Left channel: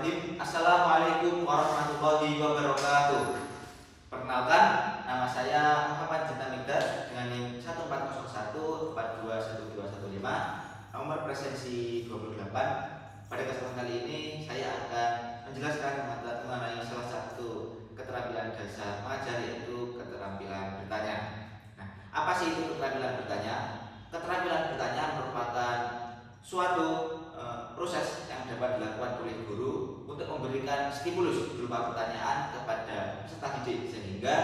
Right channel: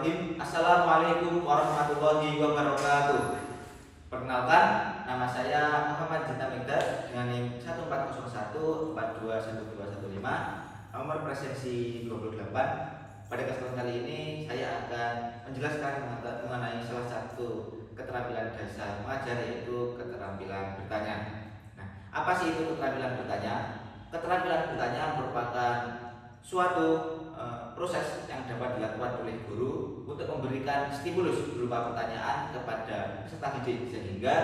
Bismillahirrahmanirrahim. Assalamualaikum warahmatullahi wabarakatuh. Perkenalkan, nama saya Muhammad Jinta Migdad dengan NIM 14014212115, nomor presensi 28. Pada kesempatan kali ini saya akan menjelaskan mengenai salah satu keterampilan dasar mengajar, yaitu keterampilan bertanya. Nah, apa sih itu keterampilan bertanya? Keterampilan bertanya merupakan suatu proses yang dapat dilakukan oleh guru untuk memberikan stimulus berupa pertanyaan kepada peserta didik, sehingga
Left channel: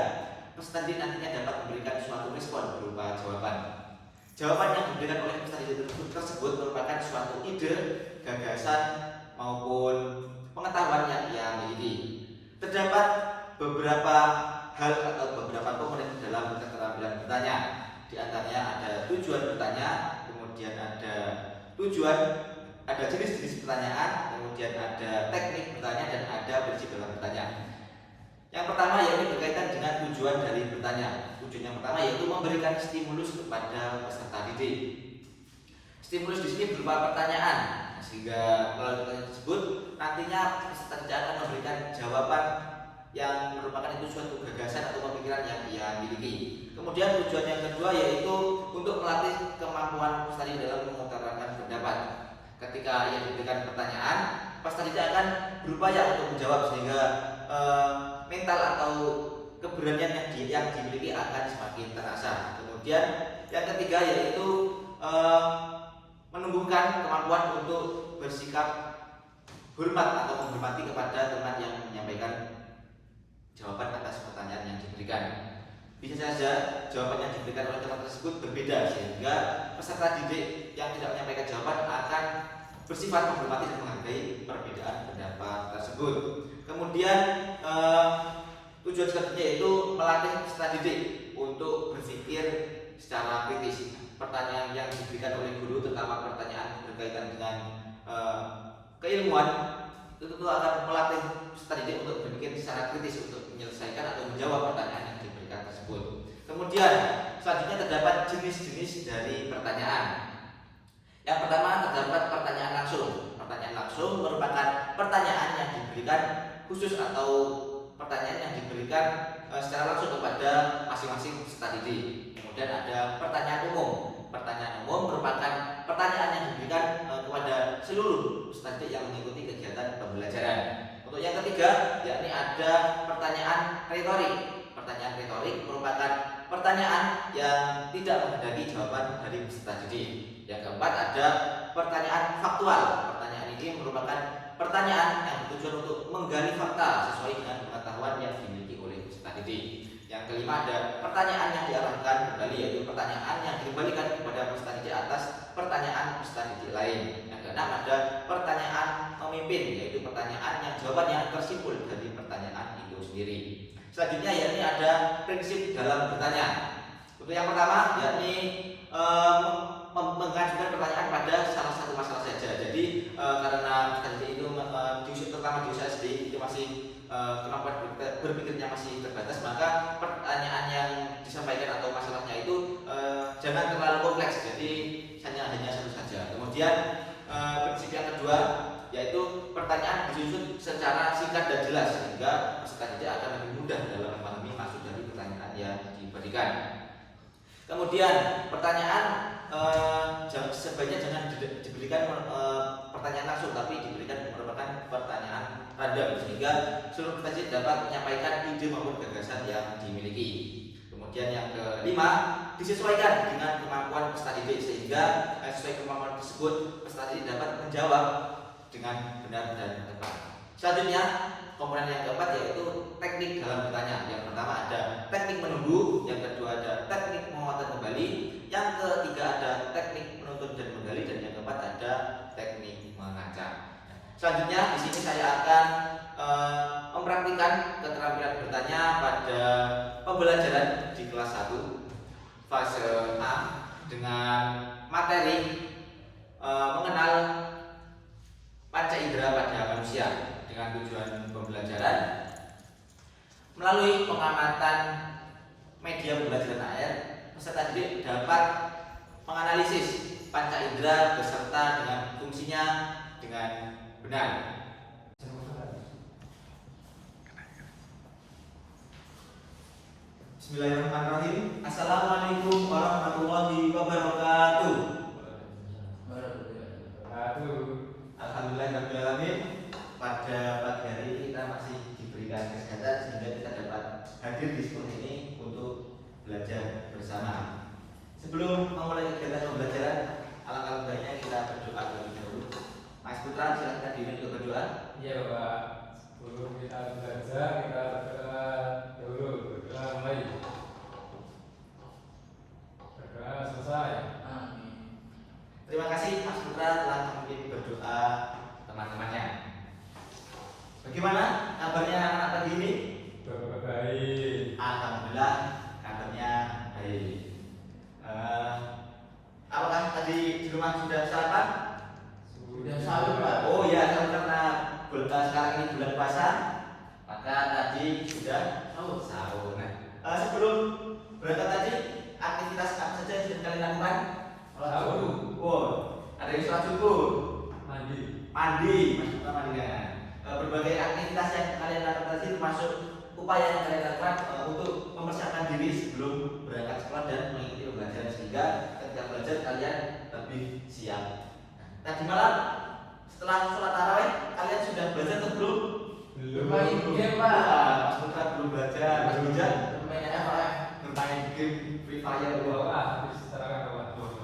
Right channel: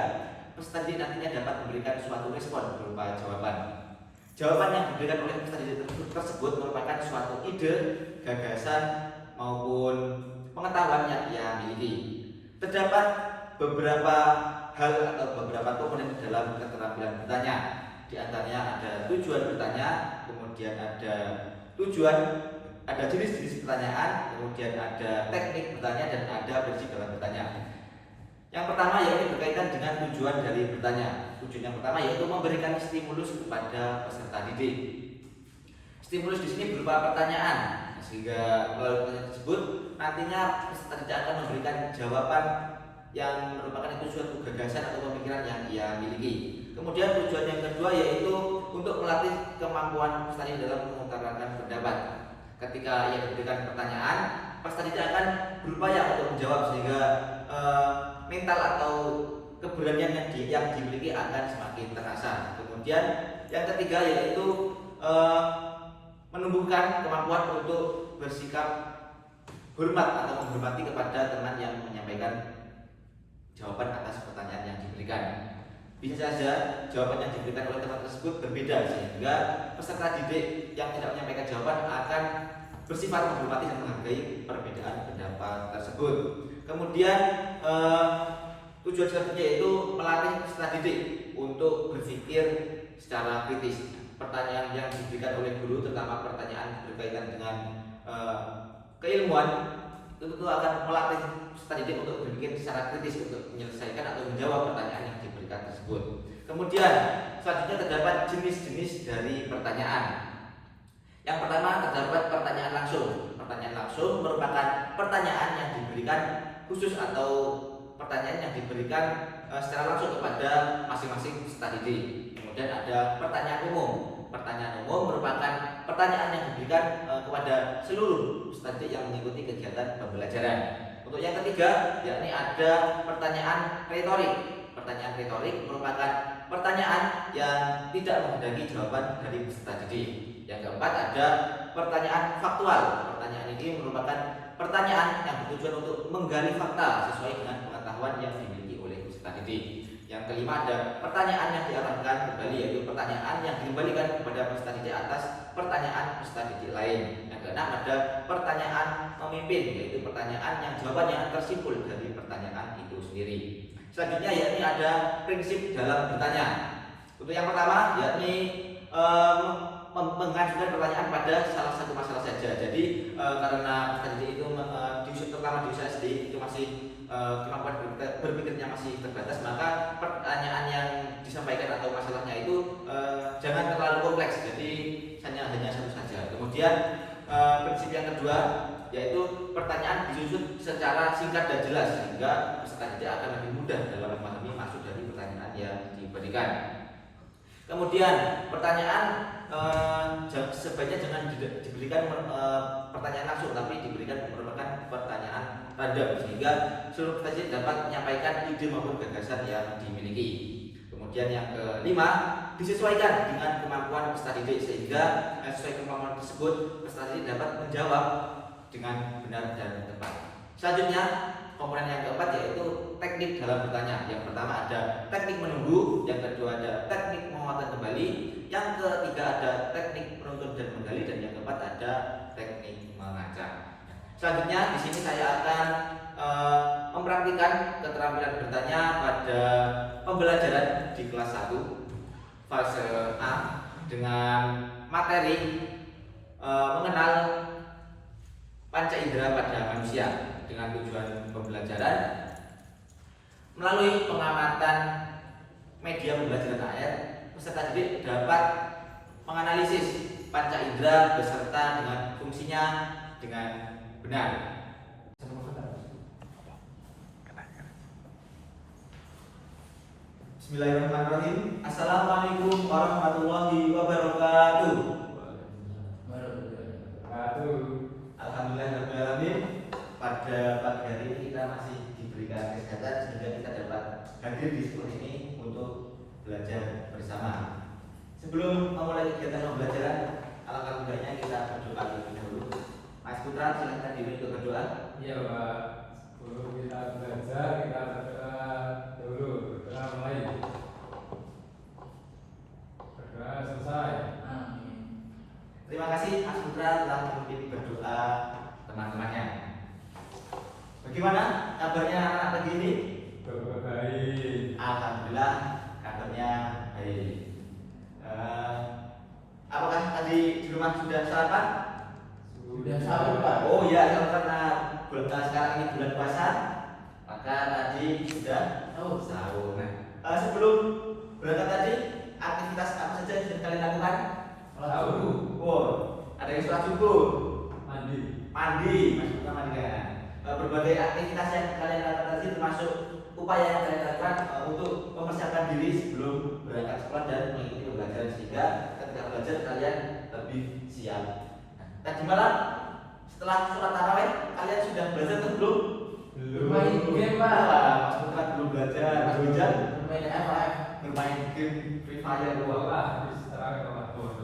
peserta didik nantinya dapat memberikan suatu respon berupa jawaban. Jawaban yang diberikan oleh peserta didik tersebut merupakan suatu ide, gagasan maupun pengetahuan yang ia miliki. Terdapat beberapa hal atau beberapa komponen dalam keterampilan bertanya. Di antaranya ada tujuan bertanya, kemudian ada jenis-jenis pertanyaan, kemudian ada teknik bertanya, dan ada prinsip dalam bertanya. Yang pertama yaitu berkaitan dengan tujuan dari bertanya. Tujuan yang pertama yaitu memberikan stimulus kepada peserta didik. Stimulus di sini berupa pertanyaan, sehingga melalui pertanyaan tersebut nantinya peserta didik akan memberikan jawaban yang merupakan itu suatu gagasan atau pemikiran yang ia miliki. Kemudian tujuan yang kedua yaitu untuk melatih kemampuan peserta didik dalam mengutarakan pendapat. Ketika ia diberikan pertanyaan, peserta didik akan berupaya untuk menjawab, sehingga mental atau keberanian yang dimiliki akan semakin terasa. Kemudian yang ketiga yaitu menumbuhkan kemampuan untuk bersikap hormat atau menghormati kepada teman yang menyampaikan jawaban atas pertanyaan yang diberikan. Bisa saja jawaban yang diberikan oleh teman tersebut berbeda, sehingga peserta didik yang tidak menyampaikan jawaban akan bersifat menghormati dan menghargai perbedaan pendapat tersebut. Kemudian tujuan selanjutnya yaitu melatih peserta didik untuk berpikir secara kritis. Pertanyaan yang diberikan oleh guru, terutama pertanyaan berkaitan dengan keilmuan, itu tentu akan melatih peserta didik untuk berpikir secara kritis untuk menyelesaikan atau menjawab pertanyaan yang diberikan tersebut. Kemudian selanjutnya terdapat jenis-jenis dari pertanyaan. Yang pertama terdapat pertanyaan langsung. Pertanyaan langsung merupakan pertanyaan yang diberikan khusus atau pertanyaan yang diberikan secara langsung kepada masing-masing peserta didik. Kemudian ada pertanyaan umum. Pertanyaan umum merupakan pertanyaan yang diberikan kepada seluruh peserta didik yang mengikuti kegiatan pembelajaran. Untuk yang ketiga, yakni ada pertanyaan retorik. Pertanyaan retorik merupakan pertanyaan yang tidak menghendaki jawaban dari peserta didik. Yang keempat ada pertanyaan faktual. Pertanyaan ini merupakan pertanyaan yang bertujuan untuk menggali fakta sesuai dengan pengetahuan yang dimiliki oleh peserta didik. Yang kelima ada pertanyaan yang diarahkan kembali, yaitu pertanyaan yang dikembalikan kepada peserta didik atas pertanyaan peserta didik lain. Yang keenam ada pertanyaan memimpin, yaitu pertanyaan yang jawabannya tersimpul dari pertanyaan itu sendiri. Selanjutnya yakni ada prinsip dalam bertanya. Untuk yang pertama yakni mengajukan pertanyaan pada salah satu masalah saja. Jadi karena peserta didik itu terutama di usia SD itu masih kemampuan berpikirnya masih terbatas, maka pertanyaan yang disampaikan atau masalahnya itu jangan terlalu kompleks, jadi hanya satu saja. Kemudian prinsip yang kedua yaitu pertanyaan disusun secara singkat dan jelas, sehingga peserta didik akan lebih mudah dalam memahami maksud dari pertanyaan yang diberikan. Kemudian pertanyaan sebaiknya jangan diberikan pertanyaan langsung, tapi diberikan merupakan pertanyaan random, sehingga seluruh peserta didik dapat menyampaikan ide maupun gagasan yang dimiliki. Kemudian yang kelima, disesuaikan dengan kemampuan peserta didik, sehingga sesuai kemampuan tersebut peserta didik dapat menjawab dengan benar dan tepat. Selanjutnya komponen yang keempat yaitu teknik dalam bertanya. Yang pertama ada teknik menunggu, yang kedua ada teknik menguatkan kembali, yang ketiga ada teknik menuntun dan menggali, dan yang keempat ada teknik mengacak. Selanjutnya di sini saya akan mempraktikkan keterampilan bertanya pada pembelajaran di kelas 1 fase A dengan materi mengenal panca indera pada manusia. Dengan tujuan pembelajaran melalui pengamatan media pembelajaran AR, peserta didik dapat menganalisis panca indera beserta dengan fungsinya dengan benar. Bismillahirrahmanirrahim. Assalamualaikum warahmatullahi wabarakatuh. Alhamdulillahirrahmanirrahim. Pada pagi hari ini kita masih diberikan kesehatan sehingga kita dapat hadir di sekolah ini untuk belajar bersama. Sebelum memulai kegiatan pembelajaran, alangkah baiknya kita berdoa terlebih dahulu. Mas Putra, silakan diri untuk berdoa. Iya Pak, sebelum kita belajar kita berdoa dulu, berdoa mulai, berdoa selesai. Terima kasih Mas Putra telah memimpin berdoa teman-temannya. Bagaimana kabarnya anak pagi ini? Baik. Alhamdulillah kabarnya baik. Apakah tadi di rumah sudah sarapan? Sudah sahur Pak. Oh iya, karena sekarang ini bulan puasa, maka tadi sudah sahur. Nah, sebelum berangkat tadi, aktivitas apa saja yang sudah kalian lakukan? Sahur. Oh, ada yang sholat subuh, Mandi. Mas Putra mandi kan? Berbagai aktivitas yang kalian lakukan tadi termasuk upaya yang kalian lakukan untuk mempersiapkan diri sebelum berangkat sekolah dan mengikuti pembelajaran sehingga ketika belajar kalian lebih siap. Tadi malam setelah sholat tarawih kalian sudah belajar atau belum? Bermain game Pak. Mas Putra belum belajar. Mas Bijan Bermain apa? bermain game Free Fire dua. Wah, habis tarawih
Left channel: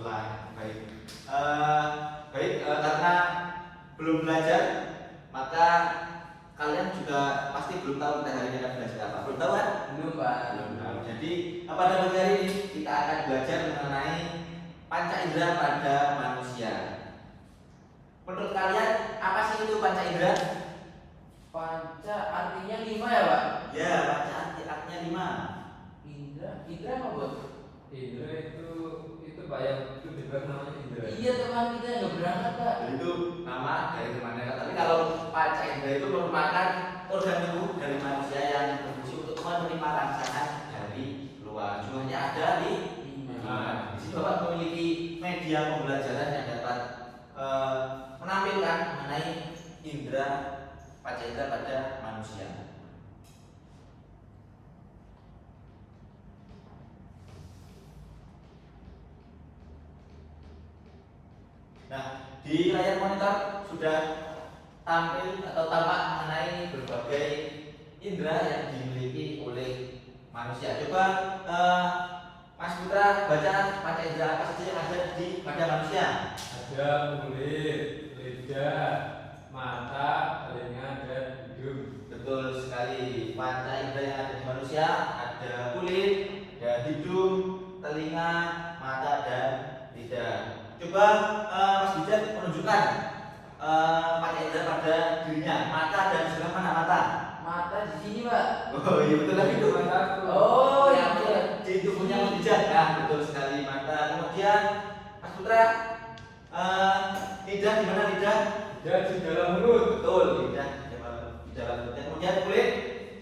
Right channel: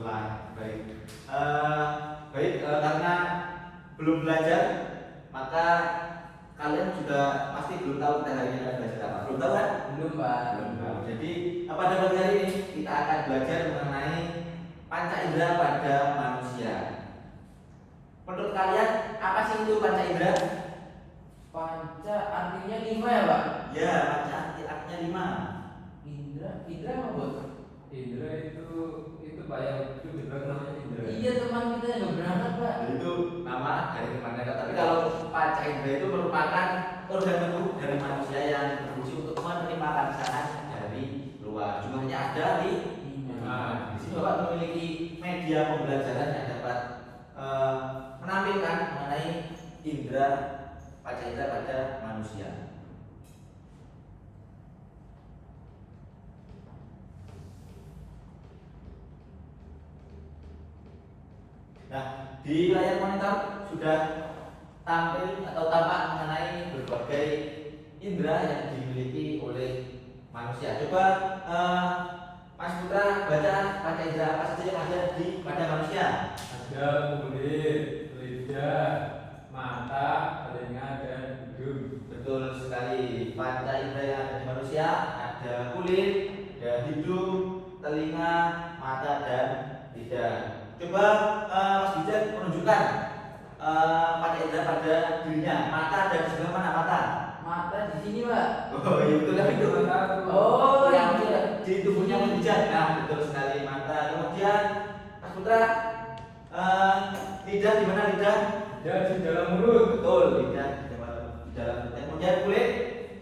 Pak. Baik. Karena belum belajar maka kalian juga pasti belum tahu kita hari ini akan belajar apa. Belum tahu kan? Belum Pak. Belum tahu. Jadi pada pagi hari ini kita akan belajar mengenai panca indera pada manusia. Menurut kalian apa sih itu panca indera? Panca artinya 5 ya Pak? Ya, panca artinya 5. Indra apa Bos? Indra itu Pak yang itu dibuat namanya Indra. Iya teman kita yang gak berangkat Pak. Jadi itu nama dari temannya. Tapi kalau panca indera itu merupakan organ tubuh dari manusia yang berfungsi untuk menerima rangsangan dari luar. Jumlahnya ada di di sini Bapak memiliki media pembelajaran yang dapat menampilkan mengenai indera panca indera pada manusia. Nah, di layar monitor sudah tampil atau tampak mengenai berbagai indera yang dimiliki oleh manusia. Coba Mas Putra baca panca indera apa saja yang ada di pada manusia. Ada kulit, lidah, mata, telinga, dan hidung. Betul sekali. Panca indera yang ada di manusia ada kulit, ada hidung, telinga, mata, dan lidah. Coba Mas Bijan menunjukkan panca indera pada dirinya. Mata ada di sebelah mana mata? Mata di sini Pak. Oh iya betul lah itu. Oh yang yang di tubuhnya Mas Bijan. Nah betul sekali mata. Kemudian Mas Putra lidah di mana lidah? Lidah di dalam mulut. Betul lidah di dalam mulut. Kemudian kulit.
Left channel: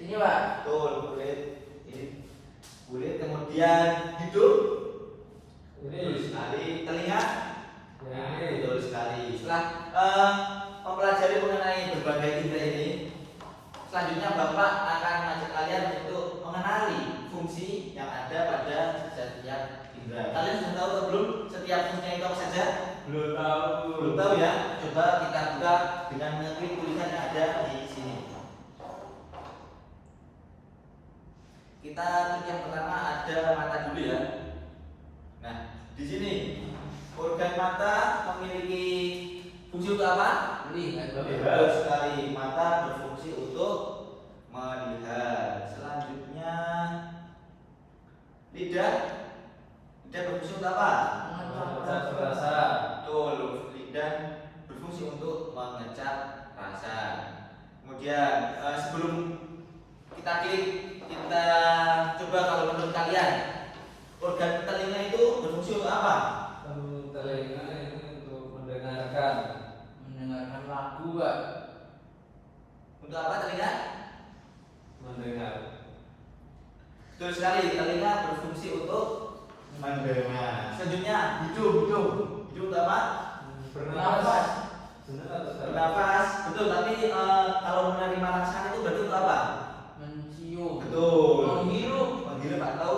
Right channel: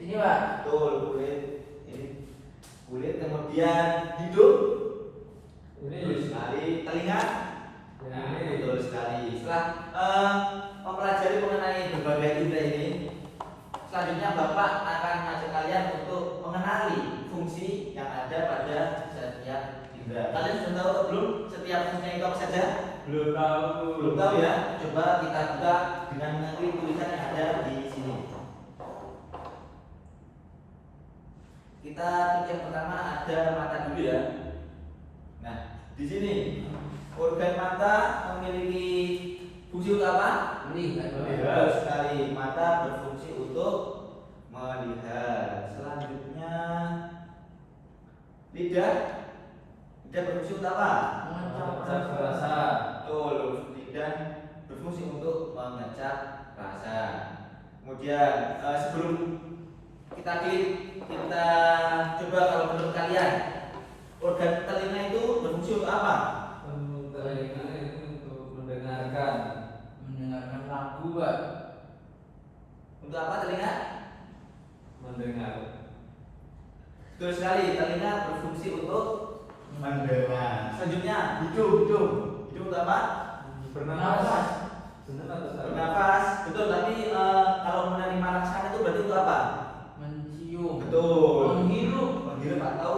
sini Pak. Betul kulit. Ini kulit. Kemudian hidung. Ini Betul sekali. Telinga. Nah, ini. betul sekali. Setelah mempelajari mengenai berbagai indera ini, selanjutnya Bapak akan mengajak kalian untuk mengenali fungsi yang ada pada setiap indera. Kalian sudah tahu atau belum setiap fungsinya itu apa saja? Belum tahu. Belum tahu ya? Coba kita buka dengan mengikuti tulisan yang ada di sini. Kita yang pertama ada mata dulu ya. Nah, di sini organ mata memiliki fungsi untuk apa? Melihat Pak. Betul sekali. Mata berfungsi untuk melihat. Selanjutnya lidah. Lidah berfungsi untuk apa? Mengecap rasa. Betul. Lidah berfungsi untuk mengecap rasa. Kemudian sebelum kita coba kalau menurut kalian organ telinga itu berfungsi untuk apa? Telinga itu untuk mendengarkan. Mendengarkan lagu Pak. Untuk apa telinga? Mendengar. Betul sekali, telinga berfungsi untuk mendengar. Selanjutnya hidung untuk apa? Bernafas. Benar atau salah? Bernafas. Betul, tapi kalau menerima rangsangan itu berarti untuk apa? Mencium. Betul. Menghirup. Menghirup atau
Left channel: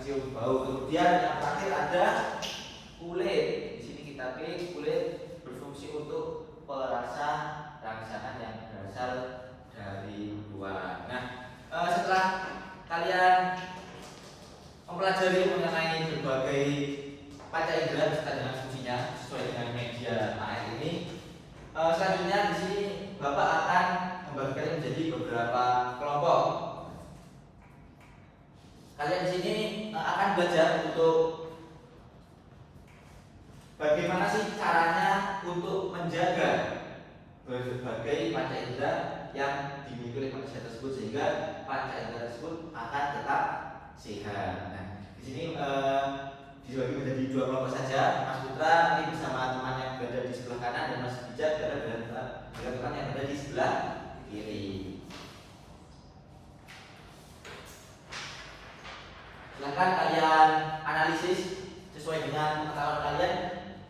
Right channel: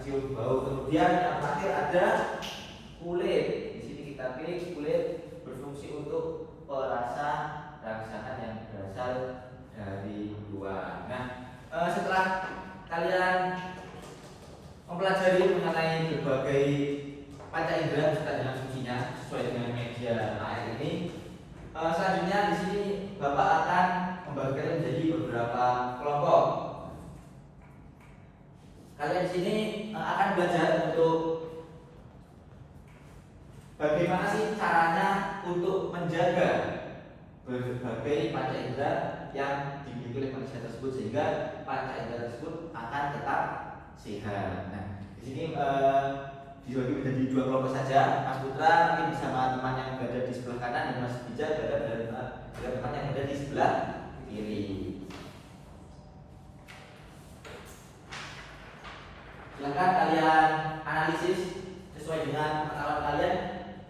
mencium bau. Kemudian yang terakhir ada kulit. Di sini kita pilih kulit berfungsi untuk perasa rangsangan yang berasal dari luar. Nah, setelah kalian mempelajari mengenai berbagai panca indera beserta dengan fungsinya sesuai dengan media AR ini, selanjutnya di sini Bapak akan membagikan menjadi beberapa kelompok. Kalian di sini akan belajar untuk bagaimana sih caranya untuk menjaga berbagai panca indera yang dimiliki oleh manusia tersebut sehingga panca indera tersebut akan tetap sehat. Nah, di sini dibagi menjadi dua kelompok saja. Mas Putra ini bersama teman yang berada di sebelah kanan dan Mas Bijak berada dengan teman yang berada di sebelah kiri. Silakan kalian analisis sesuai dengan pengetahuan kalian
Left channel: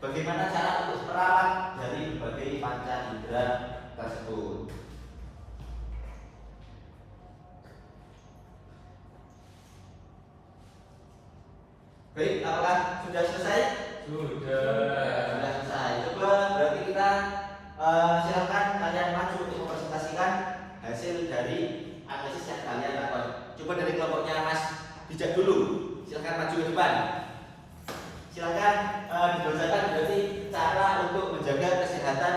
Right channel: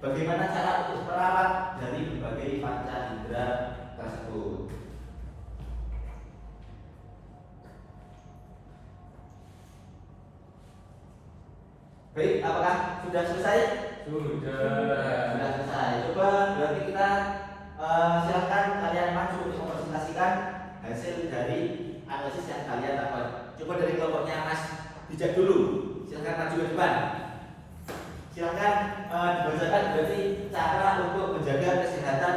bagaimana cara untuk merawat dari berbagai panca indera tersebut. Baik, apakah sudah selesai? Sudah selesai. Coba berarti kita silakan kalian maju untuk mempresentasikan hasil dari analisis yang kalian lakukan. Coba dari kelompoknya Mas Bijak dulu. Silakan maju ke depan. Silakan dibacakan berarti cara untuk menjaga kesehatan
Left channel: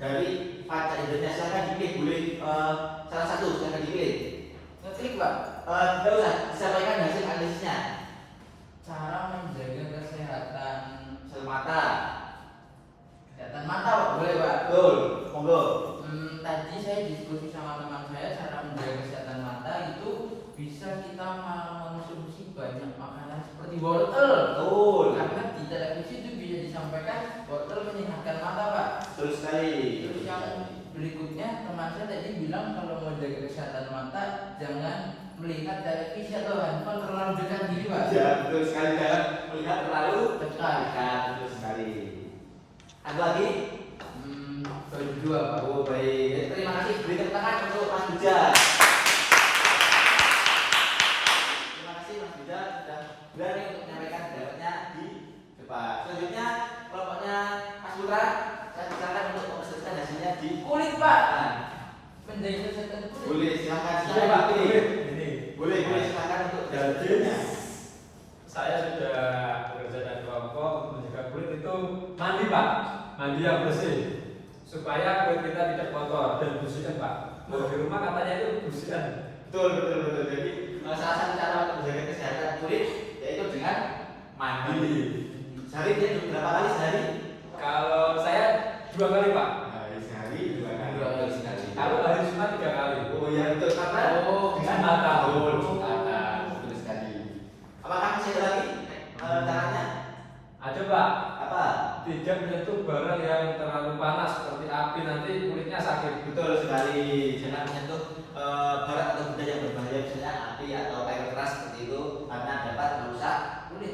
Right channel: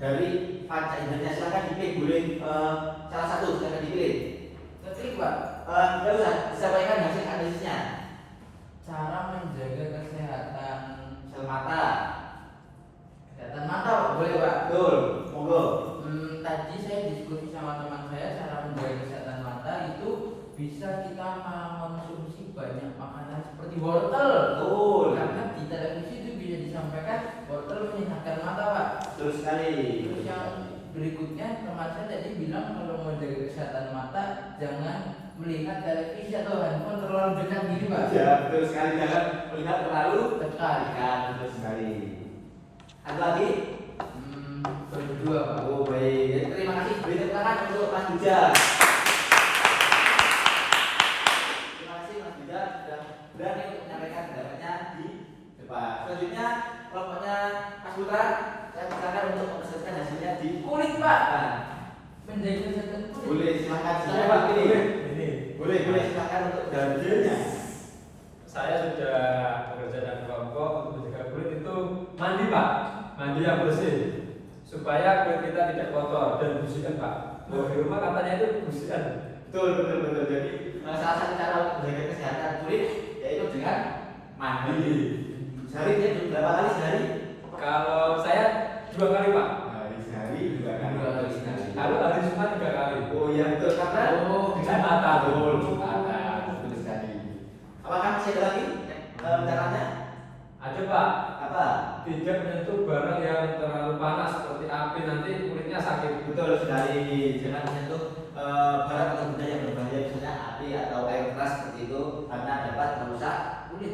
dari panca indera. Silakan dipilih, boleh salah satu silakan dipilih. Ngeklik Pak. Tidak usah, disampaikan hasil analisisnya. Cara menjaga kesehatan Sel mata. kesehatan mata Pak, boleh Pak. Betul, monggo. Tadi saya diskusi sama teman saya, cara menjaga kesehatan mata itu bisa kita mengonsumsi banyak makanan seperti wortel. Betul. Karena di televisi itu bisa disampaikan wortel menyehatkan mata Pak. Betul sekali. Terus yang berikutnya teman saya tadi bilang kalau mau menjaga kesehatan mata jangan melihat televisi atau handphone terlalu dekat gitu Pak. Ya, betul sekali. Jangan melihat terlalu Dekat. dekat. Betul sekali. Ada lagi? Berdua Pak. Oh baik. Terima kasih. Beri tepuk tangan untuk Mas Bijak. Terima kasih Mas Bijak sudah berani untuk menyampaikan pendapatnya di depan. Selanjutnya kelompoknya Mas Putra, saya silakan untuk mempresentasikan hasilnya di Kulit Pak. Nah, Menjaga kesehatan kulit. boleh silakan. Iya, Silakan Pak. pilih. Ini. Boleh silakan untuk dalilnya. Saya sudah bekerja dengan kelompok untuk menjaga kulit itu mandi Pak, mandi yang bersih supaya kulit kita tidak kotor dan bersihkan Pak. Kalau di rumah katanya itu bersihkan. Betul. Jadi salah satu cara untuk menjaga kesehatan kulit yaitu dengan mandi. Sehari dia berapa kali sehari? Kalau saya 2 kali Pak. Sehari 2 kali. Kalau hari Jumat 3 kali. Oh iya betul karena Jumatan. Betul sekali. Apakah masih ada lagi caranya? Ada Pak. Apa? Tidak menyentuh barang yang terlalu panas seperti api, nanti kulitnya sakit. Betul sekali. Jangan menyentuh barang atau benda yang berbahaya misalnya api atau air keras seperti itu karena dapat merusak kulit.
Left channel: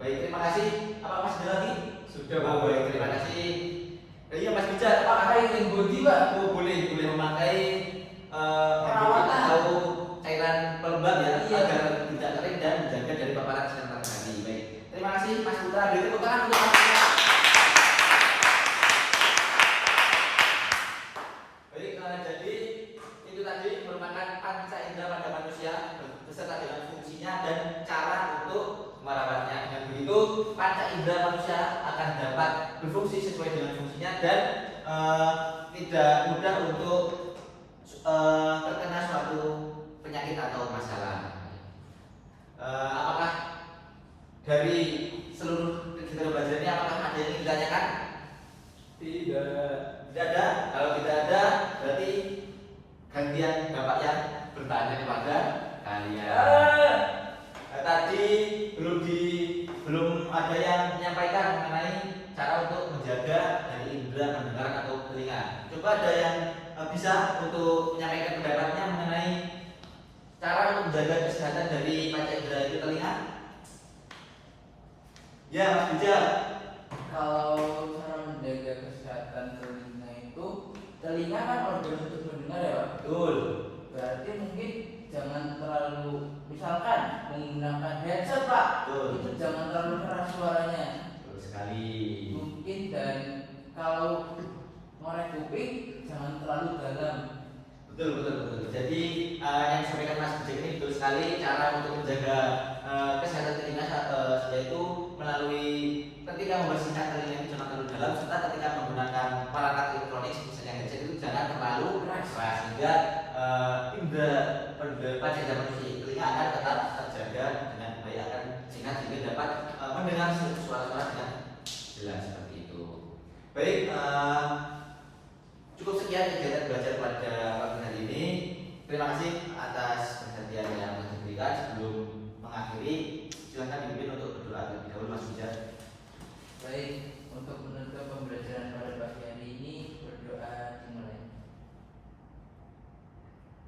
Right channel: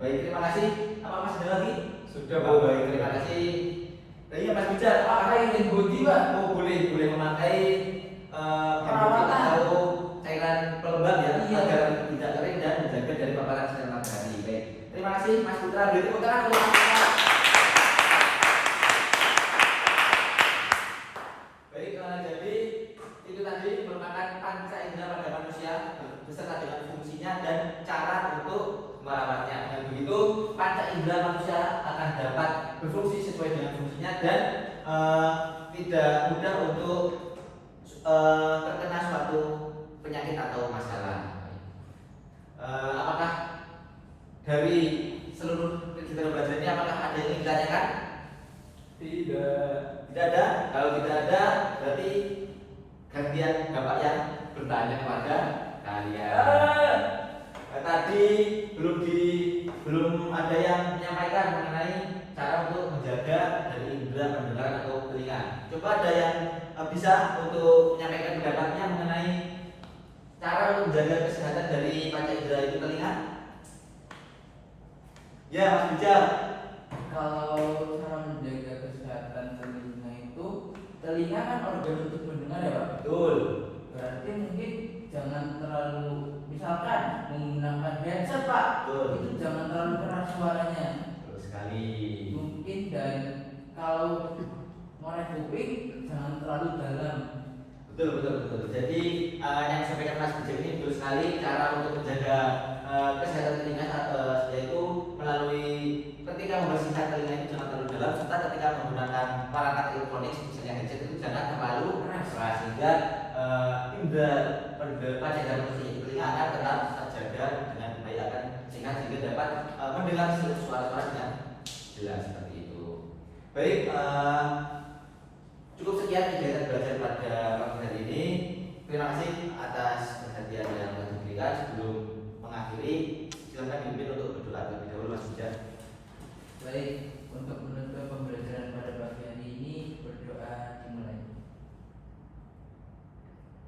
Baik, terima kasih. Apa masih ada lagi? Sudah Pak. Oh, baik, terima kasih. Iya Mas Bijak, Pakai link body Pak. oh boleh memakai Perawatan atau cairan pelembab ya Iya. agar tidak kering dan menjaga dari paparan sinar matahari. Baik, terima kasih Mas Putra. Beri tepuk tangan untuk Mas Putra. Baik, jadi itu tadi merupakan panca indera pada manusia beserta dengan fungsinya dan cara untuk merawatnya. Dengan begitu, panca indera manusia akan dapat berfungsi sesuai dengan fungsinya dan tidak mudah untuk terkena suatu penyakit atau masalah. Apakah dari seluruh kegiatan belajar ini apakah ada yang ingin ditanyakan? Tidak ada. Kalau tidak ada, berarti gantian Bapak yang bertanya kepada kalian. Tadi belum ada yang menyampaikan mengenai cara untuk menjaga dari indera pendengaran atau telinga. Coba ada yang bisa untuk menyampaikan pendapatnya mengenai cara untuk menjaga kesehatan dari panca indera itu telinga? Ya, Mas Bijak. Kalau cara menjaga kesehatan telinga itu, telinga kan organ untuk mendengar ya Pak. Betul. Berarti mungkin jangan terlalu, misalkan menggunakan headset Pak, Betul. itu jangan terlalu keras suaranya. Betul sekali. Mungkin dan kalau ngorek kuping jangan terlalu dalam. Betul, betul, betul. Jadi yang disampaikan Mas Bijak ini betul sekali, cara untuk menjaga kesehatan telinga yaitu melalui ketika membersihkan telinga itu jangan terlalu dalam, serta ketika menggunakan perangkat elektronik misalnya headset itu jangan terlalu keras sehingga indera panca telinga akan tetap terjaga dengan baik, akan sehingga dapat mendengar suara-suara dengan jelas seperti itu. Baik, cukup sekian kegiatan belajar pada pagi hari ini. Terima kasih atas perhatian yang telah diberikan. Sebelum mengakhiri, silakan dipimpin untuk berdoa terlebih dahulu, Mas Bijak. Baik, untuk menutup pembelajaran pada pagi hari ini, berdoa dimulai.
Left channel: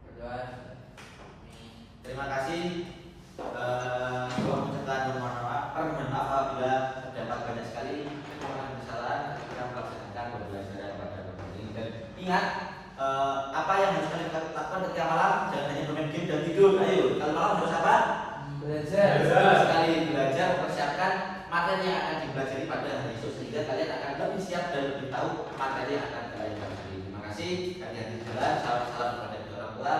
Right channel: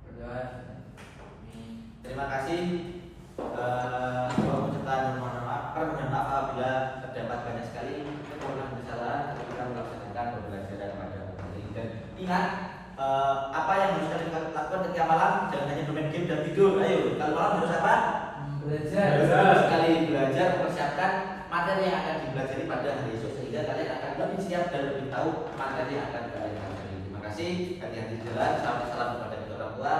Berdoa. Terima kasih. Doa serta permohonan maaf apabila terdapat banyak sekali kekurangan dan kesalahan ketika melaksanakan pembelajaran pada pagi hari ini. Dan ingat, apa yang harus kalian lakukan ketika malam, jangan hanya bermain game dan tidur. Ayo, kalau malam harus apa? Belajar. Betul sekali, belajar, mempersiapkan materi yang akan dipelajari pada hari esok sehingga kalian akan lebih siap dan lebih tahu materi yang akan kalian pelajari. Terima kasih. Hati-hati di jalan. Salam kepada kedua orang tua.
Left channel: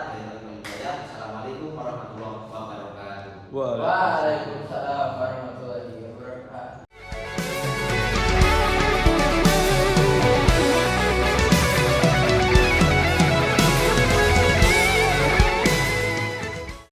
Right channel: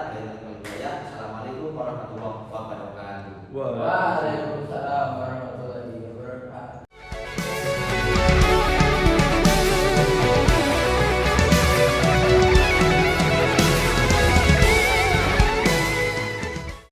Assalamualaikum warahmatullahi wabarakatuh. Waalaikumsalam warahmatullahi wabarakatuh.